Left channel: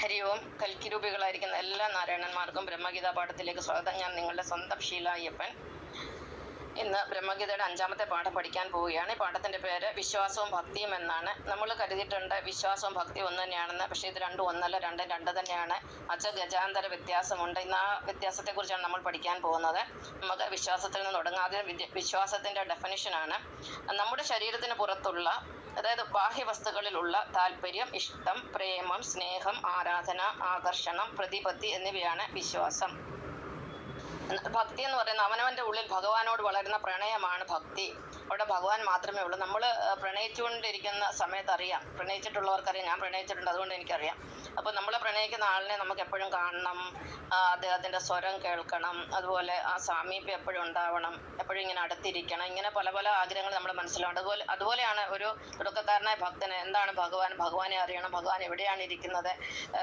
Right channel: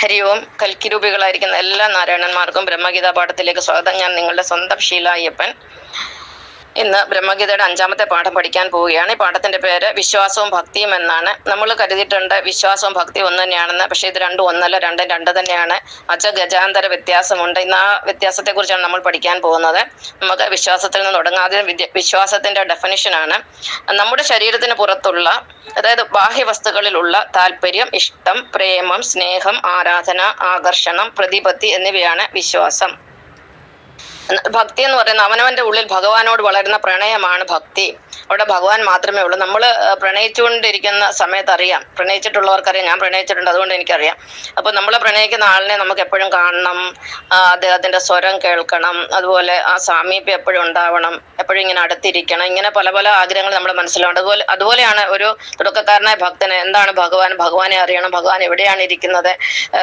ഹരി ഓം കൽക്കിരൂപികളായിരിക്കുന്ന എല്ലാ നാരായണന്മാർക്കും ബ്രഹ്മഗീതാ പാഠത്തിലേക്ക് സ്വാഗതം. ഞാൻ നിങ്ങളുടെ സ്വന്തം ഷീല അയ്യപ്പൻ. ഇന്ന് ബ്രഹ്മഗീതയുടെ അഞ്ചാമത്തെ പാഠം പഠിക്കാൻ പോവുകയാണ്. ഈ പാഠത്തിന്റെ പേര് വിശ്വാസവും ഭക്തിയും എന്നാണ്. നമ്മൾ കരുതിയിട്ടുണ്ട് വിശ്വാസവും ഭക്തി ഒന്ന് തന്നെയാണെന്ന്. പക്ഷെ ഇത് രണ്ടും ഒന്നല്ല രണ്ടും രണ്ട് തന്നെയാണ്. അച്ച ഗജാന്തര വ്യത്യാസമുണ്ട്. ഇന്ന് ആ വ്യത്യാസത്തെ കുറിച്ചാണ് നമ്മൾ പഠിക്കാൻ പോകുന്നത്. നമുക്ക് വിശ്വാസത്തിൽ നിന്ന് തുടങ്ങാതെ വിശ്വാസത്തിന്റെ ഡെഫിനിഷനാണ് നമ്മുടെ ശരീരത്തിന് പുറത്തുള്ള അതായത് ബാഹ്യ വസ്തുക്കളിലുള്ള താല്പര്യം ഇഷ്ടം പ്രേമം സ്നേഹം ആരാധന ആകർഷണം പ്രതിപത്തി എന്നിവയാണ് വിശ്വാസം. ഭക്തി എന്ന് പറയുന്നത് അവനവന്റെ ഉള്ളിൽ ഭഗവാനോട് വളരുന്ന പ്രണയമാണ് ഭക്തി. അവിടെ ഭഗവാൻ മാത്രമേ ഉള്ളൂ. നമ്മൾ പ്രണയിച്ചുകൊണ്ടിരിക്കുന്ന സമയത്ത് അറിയാം. പ്രണയിച്ചിട്ടുള്ളവർക്കറിയാം. ഞാൻ പ്രണയിച്ചിട്ടുണ്ട്. അതുകൊണ്ട് എനിക്കറിയാം. അപ്പോൾ നമ്മൾ പ്രണയിക്കുന്ന ആളിനെ നമുക്ക് എപ്പോഴും കാണണം. അദ്ദേഹത്തിന്റെ സ്വരം കേൾക്കണം. അതുപോലെ ആ സാമീപ്യം എപ്പോഴും ഉണ്ടാവണം. എപ്പോഴും ഇങ്ങനെ അടുത്തിരിക്കണം. ഇങ്ങനെ പല പല ആഗ്രഹങ്ങൾ നമ്മുടെ മനസ്സിലുണ്ട്. അതുപോലെ അതുപോലെയാണ് ഒരു തുടക്കക്കാരനായ ഭക്തന് എന്താണ് ഭഗവാൻ? ഭഗവാനെ അറിയണം. ഭഗവാൻ എവിടെയാണ് ഇരിക്കുന്നത്?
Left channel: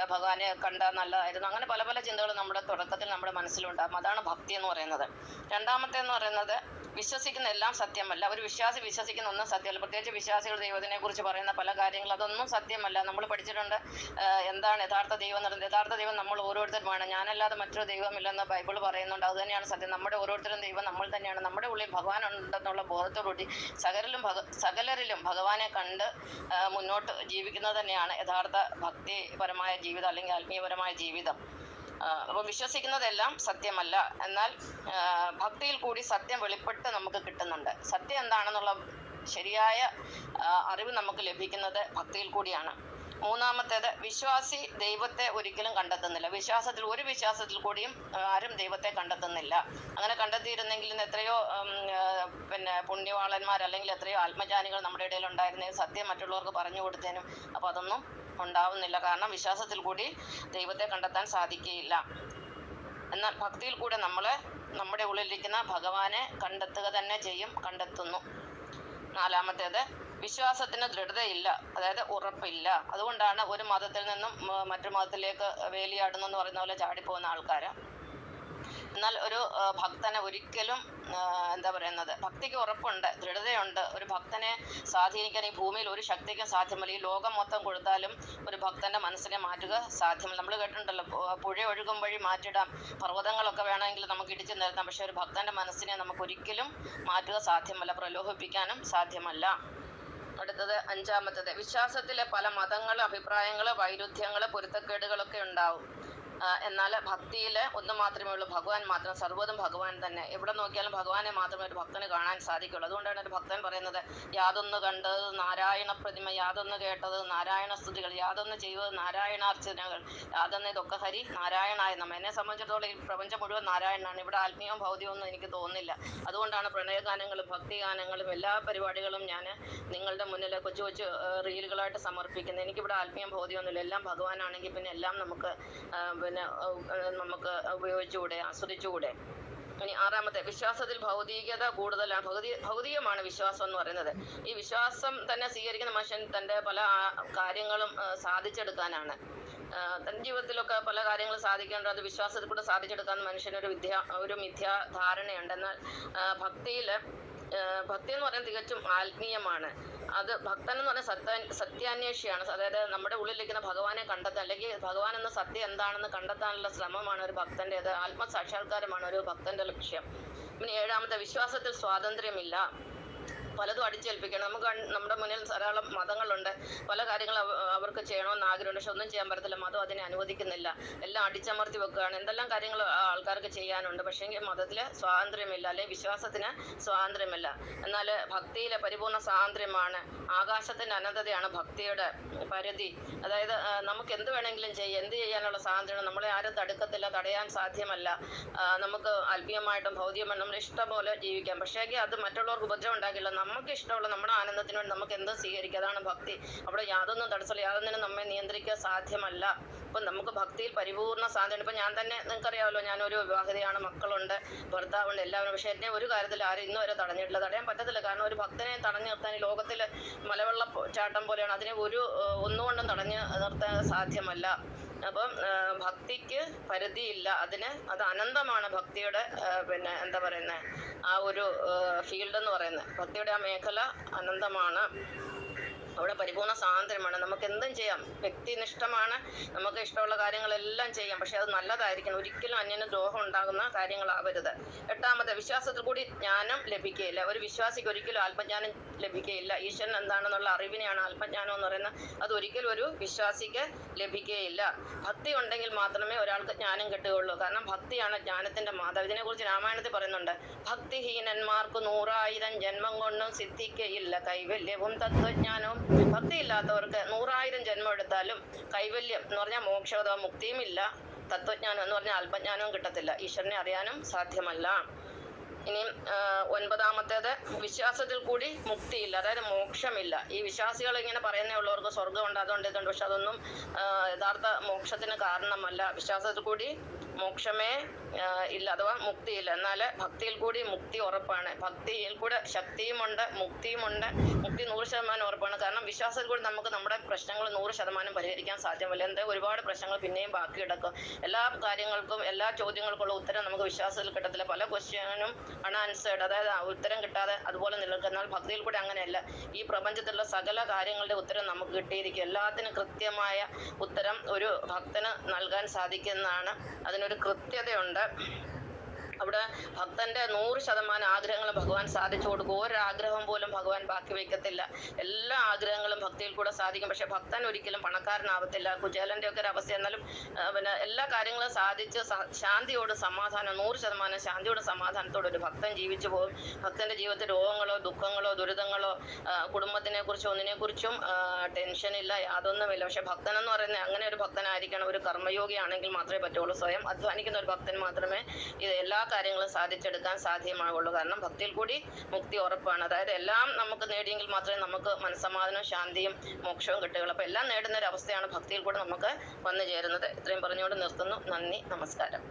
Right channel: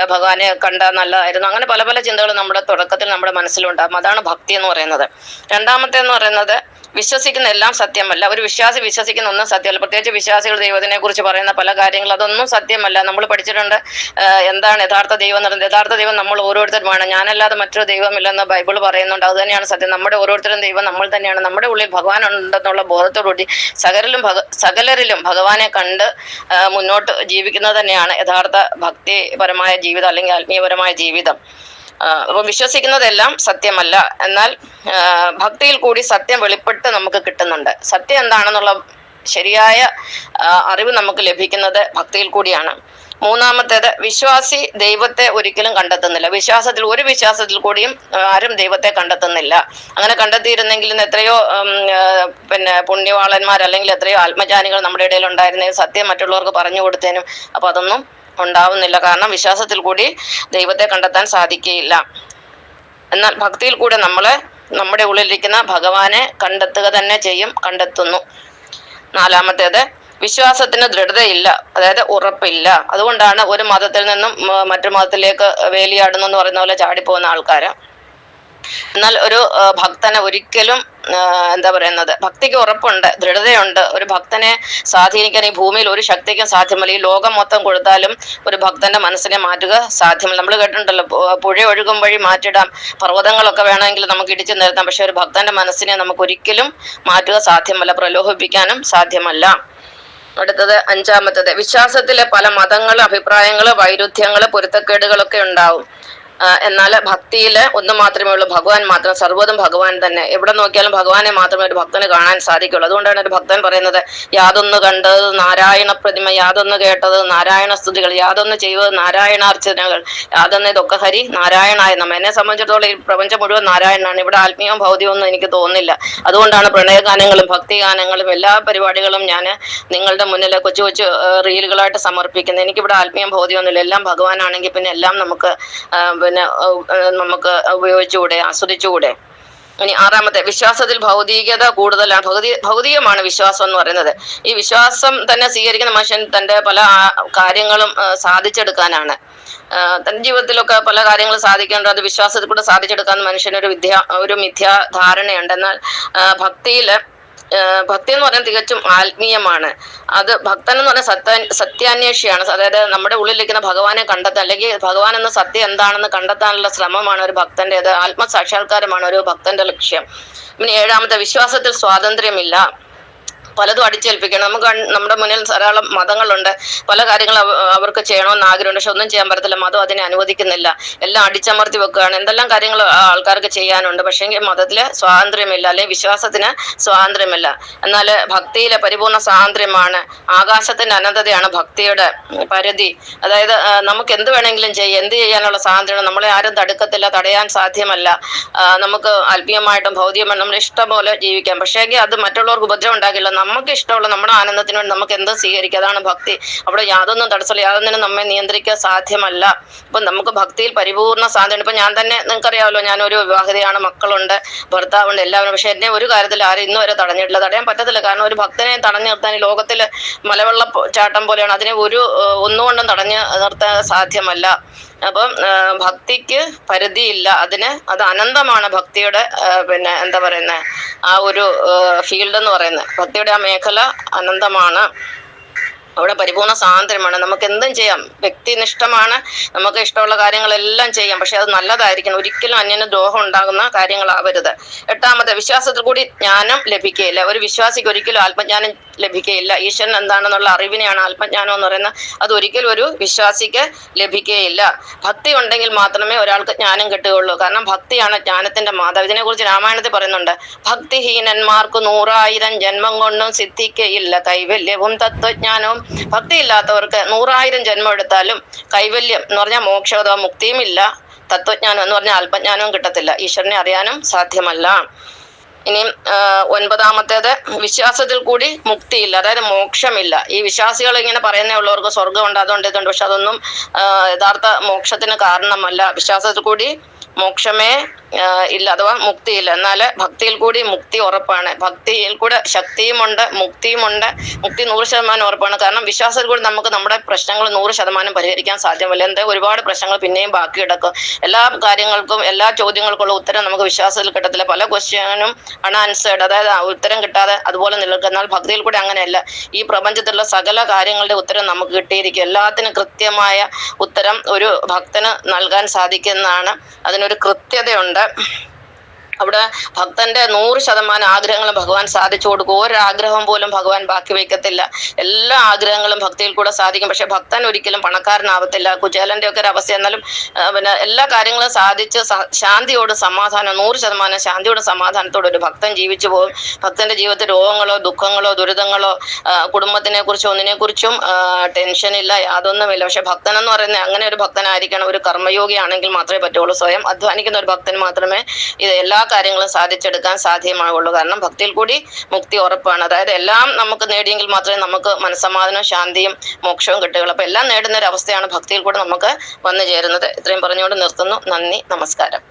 ഭഗവാനെ കണ്ട നല്ലതായിരുന്നു. അങ്ങനെ പല പല ചിന്തകൾ നമ്മുടെ തുടക്കത്തിൽ നമ്മുടെ മനസ്സിലുണ്ടാകും അതാണ് ഭക്തി എന്ന് പറയുന്നത്. രണ്ടാമത്തെ എന്ന് പറയുന്നത് വിശ്വസിക്കുന്ന എല്ലാം സത്യമല്ല. ഒരു വിശ്വാസി വിശ്വസിക്കുന്ന ഒന്നും സത്യമല്ല. പ്രത്യേകിച്ച് വിശ്വാസികൾ ദൈവത്തിനെ കുറിച്ച് പറയുന്ന പല കാര്യങ്ങൾ അതൊന്നും സത്യമല്ല. നമ്മൾ പഠിച്ചിട്ടുണ്ട് എന്താണ് യഥാർത്ഥ ദൈവം എന്ന് പറയുന്നത്. യഥാർത്ഥ ദൈവം നമ്മൾ ഓരോരുത്തരുമാണ്. ഞാനല്ലാതെ മറ്റൊരു ദൈവമില്ലെന്ന് ബൈബിൾ പറയുന്നുണ്ട്. അത് തന്നെയാണ് സത്യം. നമ്മുടെ ഓരോരുത്തരും ദൈവം നമ്മൾ തന്നെയാണ്. നമ്മുടെ ഉള്ളിൽ ഭഗവാൻ ഉണ്ടെന്നുള്ള ബോധത്തോടുകൂടി സകലരിലും ഭഗ സകലരിലും ഭഗവാനെ കണ്ട് മുന്നോട്ട് ജീവിക്കുന്നത് തന്നെയാണ് യഥാർത്ഥ ഭക്തിപരമായ ജീവിതം അല്ലെങ്കിൽ ആത്മീയപരമായ ജീവിതം. അപ്പൊ വിശ്വസിക്കുന്നതെല്ലാം സത്യമല്ല. എന്നാൽ ഭക്തിയിൽ കൂടി സത്യം വെളിപ്പെട്ട് നമുക്ക് കിട്ടുന്നുണ്ട്. സത്യം എന്താണെന്നുള്ള ശരിയായ അറിവ് നമുക്ക് ലഭിക്കുന്നത് ഭക്തിയിൽ കൂടിയാണ്. മൂന്നാമത്തേത് വിശ്വാസി ദൈവത്തെ ഒരിക്കലും കണ്ടെത്തുന്നില്ല. വിശ്വാസത്തിൽ ഒരു വിശ്വാസത്തിൽ കൂടിയും ആരും ദൈവത്തെ കണ്ടെത്തുന്നില്ല. അങ്ങനെ കണ്ടെത്തിയിരുന്നെങ്കിൽ ഇന്ന് എത്രയോ പിന്നെ പുണ്യവാളന്മാർ അല്ലെങ്കിൽ എത്രയോ ആത്മജ്ഞാനികൾ നമ്മുടെ ഇടയിൽ ഉണ്ടായിരുന്നേ സത്യം മറ്റുള്ളവർക്ക് പറഞ്ഞു കൊടുത്തേനും. അപ്പൊ അതൊന്നും ഉണ്ടാവുന്നില്ല. കാരണം വിശ്വാസത്തിൽ കൂടി ദൈവത്തെ കണ്ടെത്താൻ സാധിക്കുകയില്ല എന്നാൽ ഭക്തിയിൽ കൂടെ നമ്മൾ നമ്മുടെ ഉള്ളിലിരിക്കുന്ന ഭഗവാനെ കണ്ടെത്തുക തന്നെ ചെയ്യും കണ്ടെത്തുന്നു. നാലാമത്തേത് വിശ്വാസത്തിന് ദൃഢതയില്ല. അതായത് ഉറപ്പില്ല. അതുകൊണ്ടാണ് ഒരു മതത്തിൽ നിന്നും മറ്റു മതത്തിലേക്ക് വേലിയാടുന്നു എന്ന് പറയുന്ന പോലെ ചാടിപ്പോകുന്ന ആൾക്കാര്. എന്നാൽ ഒരു ഭക്തനെ ഒരിക്കലും എന്താ പറയുന്നത്? ഭക്തിക്ക് ഉറപ്പുണ്ട് ദൃഢതയുണ്ട്. ഒരു ഭക്തനെ സ്വാധീനിക്കാൻ ഈ ഭൂമിയിൽ ഒരു ശക്തിക്കും സാധ്യമല്ല. ഈ ലോകം മൊത്തം കൊടുത്താലും ഒരു ഭക്തന്റെ മനസ്സിനെ മാറ്റുക സാധ്യമല്ല. നമ്മൾ കേട്ടിട്ടുണ്ടല്ലോ പുഴ ഒഴുകും വഴി മാറ്റിടാം. പർവതങ്ങളൊക്കെ വേണമെങ്കിൽ നമുക്ക് ഇടിച്ചു നിർത്താം പക്ഷെ ഒരു ഭക്തന്റെ മനസ്സിനെ നമുക്ക് ഒരിക്കലും മാറ്റുക സാധ്യമല്ല. പ്രലോഭിപ്പിക്കാനും സാധ്യമല്ല. അടുത്തത് അഞ്ചാമത്തത്. വിശ്വാസത്തിലെ പല മതങ്ങളും അഭിപ്രായങ്ങളും വൈരുദ്ധ്യങ്ങൾ പൊരുത്തക്കേടുകളൊക്കെ ഉണ്ടാവും. എന്നാൽ ഭക്തിയിൽ ഒന്ന് മാത്രമേ ഉള്ളൂ. ഭഗവാൻ മാത്രം സർവതും ഭഗവാൻ തന്നെ. എവിടെ നോക്കിയാലും ഭഗവാനെ മാത്രമേ ഒരു ഭക്തന് കാണാൻ സാധിക്കുള്ളൂ. അതുകൊണ്ടാണ് ഒരു ഭക്തൻ പറയുന്നത് യാതൊന്ന് കണ്ടത് നാരായണ പ്രതിമ യാതൊന്ന് കേട്ടത് നാരായണ സ്തുതികൾ യാതൊന്ന് ചെയ്തത് നാരായണാർച്ചനകൾ യാതൊന്ന് ഇതൊക്കെ ഹരി നാരായണായ നമ്മ. എന്നെ സംബന്ധിച്ചിടത്തോളം ഈ പ്രപഞ്ചം മുഴുവൻ നാരായണനാണ്. ഇവിടെ ആത്മീയവും ഭൗതികവും ഒന്നും എനിക്ക് തോന്നുന്നില്ല. അതുകൊണ്ടാണ് പ്രണയഗാനങ്ങളും ഭക്തിഗാനങ്ങളും എല്ലാ പരിപാടികളും ഞാൻ നിങ്ങളുടെ മുന്നിൽ കൊച്ചു കൊച്ചു റീലുകളായിട്ട് സമർപ്പിക്കുന്നത്. എനിക്കിവിടെ ആത്മീയം ഭൗതികമൊന്നുമില്ല. എല്ലാം ഭഗവാനാണെങ്കിൽ പിന്നെ എല്ലാം നമുക്ക് പിന്നെ നമുക്ക് ഉപയോഗിച്ചുകൂടെ ആസ്വദിച്ചുകൂടെ? ഇനി ആറാമത്തെ വിശ്വാസത്തിൽ ഭൗതികത കൂടുതലാണ്. ഭൗതി ഭൗതികമാണ് വിശ്വാസം എന്ന് പറയുന്നത്. ഈ വിശ്വാസം തന്നെ സ്വീകരിക്കുന്ന മനുഷ്യൻ തന്റെ പല കാര്യങ്ങളും സാധിച്ചെടുക്കാനാണ്. തന്റെ ജീവിതത്തിലൊക്കെ പല കാര്യങ്ങളും സാധിക്കേണ്ടത് അത് വിശ്വാസത്തിൽ കൂടെ സാധിച്ചെടുക്കാൻ മനുഷ്യനൊരു വിദ്യ ഒരു മിഥ്യാ ധാരണയുണ്ട് എന്നാൽ ഭക്തിയിൽ ഭക്തി എന്ന് പറയുന്നത് തികച്ചും ആത്മീയമാണ്. അത് ഭക്തൻ എന്ന് പറഞ്ഞാൽ സത്യ സത്യാന്വേഷിയാണ്. അതായത് നമ്മുടെ ഉള്ളിലിരിക്കുന്ന ഭഗവാനെ കണ്ടെത്താൻ അല്ലെങ്കിൽ ഭഗവാൻ എന്ന സത്യം എന്താണെന്ന് കണ്ടെത്താനുള്ള ശ്രമമാണ് ഒരു ഭക്തന്റേത്. ആത്മസാക്ഷാത്കാരമാണ് ഒരു ഭക്തന്റെ ലക്ഷ്യം. പിന്നെ ഏഴാമത്തെ വിശ്വാസത്തിൽ സ്വാതന്ത്ര്യമില്ല. പലതും അടിച്ചേൽപ്പിക്കണം. നമുക്ക് നമ്മുടെ മുന്നിൽ ധാരാളം മതങ്ങളുണ്ട്. പല കാര്യങ്ങളും അവർക്ക് ചെയ്യണമെന്ന് ആഗ്രഹമുണ്ട്. പക്ഷെ ഒന്നും ചെയ്യാൻ പറ്റത്തില്ല. മതം അതിനെ അനുവദിക്കുന്നില്ല. എല്ലാം അടിച്ചമർത്തി വെക്കുകയാണ്. എന്തെല്ലാം കാര്യങ്ങൾ ആൾക്കാർക്ക് ചെയ്യാനുണ്ട്. പക്ഷേങ്കിൽ മതത്തിൽ സ്വാതന്ത്ര്യമില്ല. അല്ലെങ്കിൽ വിശ്വാസത്തിന് സ്വാതന്ത്ര്യമില്ല. എന്നാൽ ഭക്തിയിലെ പരിപൂർണ സ്വാതന്ത്ര്യമാണ്. ആകാശത്തിന്റെ അനന്തതയാണ് ഭക്തിയുടെ പരിധി. അതായത് നമുക്ക് എന്ത് വേണമെങ്കിലും ചെയ്യാം. എന്ത് ചെയ്യാനുള്ള സ്വാതന്ത്ര്യം നമ്മളെ ആരും തടുക്കത്തില്ല തടയാൻ സാധ്യമല്ല. നമുക്ക് ആത്മീയമായിട്ടും ഭൗതികമായിട്ടും നമ്മുടെ ഇഷ്ടം പോലെ ജീവിക്കാം. പക്ഷേങ്കിൽ അത് മറ്റുള്ളവർക്ക് ഉപദ്രവം ഉണ്ടാക്കില്ല നമുക്ക് ഇഷ്ടമുള്ള നമ്മുടെ ആനന്ദത്തിന് വേണ്ടി നമുക്ക് എന്ത് സ്വീകരിക്കുക അതാണ് ഭക്തി. അവിടെ യാതൊന്നും തടസ്സമില്ല. യാതൊന്നിനും നമ്മെ നിയന്ത്രിക്കാൻ സാധ്യമല്ല. ഇപ്പൊ നമുക്ക് ഭക്തിയിൽ പരിപൂർണ സാധ്യത ഇപ്പൊ ഞാൻ തന്നെ നിങ്ങൾക്കറിയാമല്ലോ ഞാനൊരു വിവാഹിതയാണ് മക്കളുണ്ട് ഭർത്താവുണ്ട് എല്ലാവരും. പക്ഷെ എന്നെ ഒരു കാര്യത്തിൽ ആരും ഇന്ന് വരെ തടഞ്ഞിട്ടില്ല. തടയാൻ പറ്റത്തില്ല. കാരണം ഒരു ഭക്തനെ തടഞ്ഞു നിർത്താൻ ഈ ലോകത്തിൽ മലവെള്ള ചാട്ടം പോലെയാണ്. അതിനെ ഒരു ഒന്നുകൊണ്ടും തടഞ്ഞു നിർത്താൻ സാധ്യമല്ല. അപ്പം ഭക്തിക്ക് പരിധിയില്ല. അതിന് അത് അനന്തമാണ് ഭക്തിയുടെ പിന്നെ എന്താ പറയുന്നത് ആ ഒരു ഫീൽഡ് എന്ന് പറയുന്നത്. ഭക്തിയുടെ ആ മേഖല അനന്തമാണ്. അവിടെ പരിപൂർണ സ്വാതന്ത്ര്യമാണ്. നമുക്ക് എന്തും ചെയ്യാം. വ്യക്തിനിഷ്ഠമാണ്. നമുക്ക് ഇഷ്ടമുള്ള കാര്യങ്ങളെല്ലാം ചെയ്യാം. പക്ഷെ അത് നല്ലതായിരിക്കണം. ഒരിക്കലും അന്യന് ദ്രോഹം ഉണ്ടാകുന്ന കാര്യങ്ങളാവരുത്. എട്ടാമത്തെ വിശ്വാസത്തിൽ കൂടി ജ്ഞാനം ലഭിക്കുകയില്ല. ഒരു വിശ്വാസിക്ക് ഒരിക്കലും ആത്മജ്ഞാനം ലഭിക്കുകയില്ല. ഈശ്വരൻ എന്താണെന്നുള്ള അറിവിനെയാണ് ആത്മജ്ഞാനം എന്ന് പറയുന്നത്. അത് ഒരിക്കലും ഒരു വിശ്വാസിക്ക് ലഭിക്കുകയില്ല. ഭക്തി ഉണ്ടെങ്കിൽ മാത്രമേ ഒരാൾക്ക് ജ്ഞാനം കിട്ടുകയുള്ളൂ. കാരണം ഭക്തിയാണ് ജ്ഞാനത്തിന്റെ മാതാവ് ഇതിനെക്കുറിച്ച് രാമായണത്തിൽ പറയുന്നുണ്ട്. ഭക്തിഹീനന്മാർക്ക് നൂറായിരം ജന്മം കൊണ്ടും സിദ്ധിക്കയില്ല. കൈവല്യവും തത്വജ്ഞാനവും ഭക്തിയില്ലാത്തവർക്ക് നൂറായിരം ജന്മം എടുത്താലും കൈവല്യം എന്ന് പറഞ്ഞാൽ മോക്ഷം അഥവാ മുക്തിയും ഇല്ല. തത്വജ്ഞാനം എന്ന് പറഞ്ഞാൽ അല്പജ്ഞാനവും കിട്ടത്തില്ല. ഈശ്വരനെ അറിയാനും സാധ്യമല്ല. ഇനി ഒൻപതാമത്തേത് വിശ്വാസത്തിൽ കൂടി മുക്തിയില്ല അതായത് മോക്ഷമില്ല. ഈ വിശ്വാസികൾ ഇങ്ങനെ പറയുന്നേ ഉള്ളവർക്ക് സ്വർഗമുണ്ട് അതുണ്ട് ഇതുണ്ട്. പക്ഷെ അതൊന്നും യഥാർത്ഥ മോക്ഷത്തിന് കാരണമല്ല. വിശ്വാസത്തിൽ കൂടി മോക്ഷമേ ഇല്ല അഥവാ മുക്തിയില്ല. എന്നാൽ ഭക്തിയിൽ കൂടി മുക്തി ഉറപ്പാണ്. ഭക്തിയിൽ കൂടെ ശക്തിയുമുണ്ട് മുക്തിയുമുണ്ട്. മുക്തി നൂറ് ശതമാനം ഉറപ്പാണ്. കാരണം വിശ്വാസത്തിൽ കൂടി നമുക്ക് നമ്മുടെ പ്രശ്നങ്ങൾ നൂറ് ശതമാനം പരിഹരിക്കാൻ സാധ്യമല്ല. എന്താ ഒരുപാട് പ്രശ്നങ്ങൾ പിന്നെയും ബാക്കി കിടക്കും. എല്ലാ കാര്യങ്ങൾക്കും എല്ലാ ചോദ്യങ്ങൾക്കുള്ള ഉത്തരം നമുക്ക് വിശ്വാസത്തിൽ കിട്ടത്തില്ല. പല ക്വസ്റ്റ്യനും അൺആൻസേർഡ് അതായത് ഉത്തരം കിട്ടാതെ അതുപോലെ നിലനിൽക്കും എന്നാൽ ഭക്തിയിൽ കൂടി അങ്ങനെയല്ല. ഈ പ്രപഞ്ചത്തിലുള്ള സകല കാര്യങ്ങളുടെ ഉത്തരം നമുക്ക് കിട്ടിയിരിക്കും. എല്ലാത്തിനും കൃത്യമായ ഉത്തരം ഒരു ഭക്തന് നൽകാൻ സാധിക്കുന്നതാണ്. അതിനൊരു കൃത്യതയുണ്ട്. that. അവിടെ ഭക്തന്റെ നൂറ് ശതമാനം ആഗ്രഹങ്ങളും ഭഗവാൻ സാധിച്ചു കൊടുക്കും. ഒരാഗ്രഹം പോലും ഭഗവാൻ ബാക്കി വയ്ക്കത്തില്ല. എല്ലാ ആഗ്രഹങ്ങളും ഭക്തിയിൽ കൂടെ സാധിക്കും. പക്ഷെ ഭക്തൻ ഒരിക്കലും പണക്കാരനാവത്തില്ല. കുചേലന്റെ ഒക്കെ ഒരു അവസ്ഥ. എന്നാലും പിന്നെ എല്ലാ കാര്യങ്ങളും സാധിച്ച് ശാന്തിയോട് സമാധാനം നൂറ് ശതമാനം ശാന്തിയോട് സമാധാനത്തോടെ ഒരു ഭക്തൻ ജീവിച്ചു പോകും. ഭക്തന്റെ ജീവിതത്തിൽ രോഗങ്ങളോ ദുഃഖങ്ങളോ ദുരിതങ്ങളോ കുടുംബത്തിനെ കുറിച്ചോ ഒന്നിനെ കുറിച്ചും ടെൻഷനില്ല യാതൊന്നുമില്ല പക്ഷെ ഭക്തൻ എന്ന് പറയുന്നത് അങ്ങനെ ഒരു ഭക്തനായിരിക്കണം. ഒരു കർമ്മയോഗിയാണെങ്കിൽ മാത്രമേ പറ്റുള്ളൂ. സ്വയം അധ്വാനിക്കുന്ന ഒരു ഭക്തൻ മാത്രമേ ഇത് എല്ലാ കാര്യങ്ങളും സാധിച്ചെടുക്കാൻ സാധ്യമാവുള്ളൂ. കാരണം ഭക്തിയിൽ കൂടി മുക്തി ഉറപ്പാണ്. അതായത് എല്ലാം നമുക്ക് നേടിയെങ്കിൽ മാത്രമേ നമുക്ക് മനസ്സമാധാനവും ശാന്തിയും മോക്ഷവും കിട്ടുകയുള്ളൂ. അപ്പൊ എല്ലാം നേടുന്ന ഒരു അവസ്ഥയാണ് ഭക്തിയിൽ കൂടെ നമുക്ക് വന്നു ചേരുന്നത്. ഇത്രയും പറഞ്ഞുകൊണ്ട് നിർത്തുന്നു. നന്ദി. നമസ്കാരം.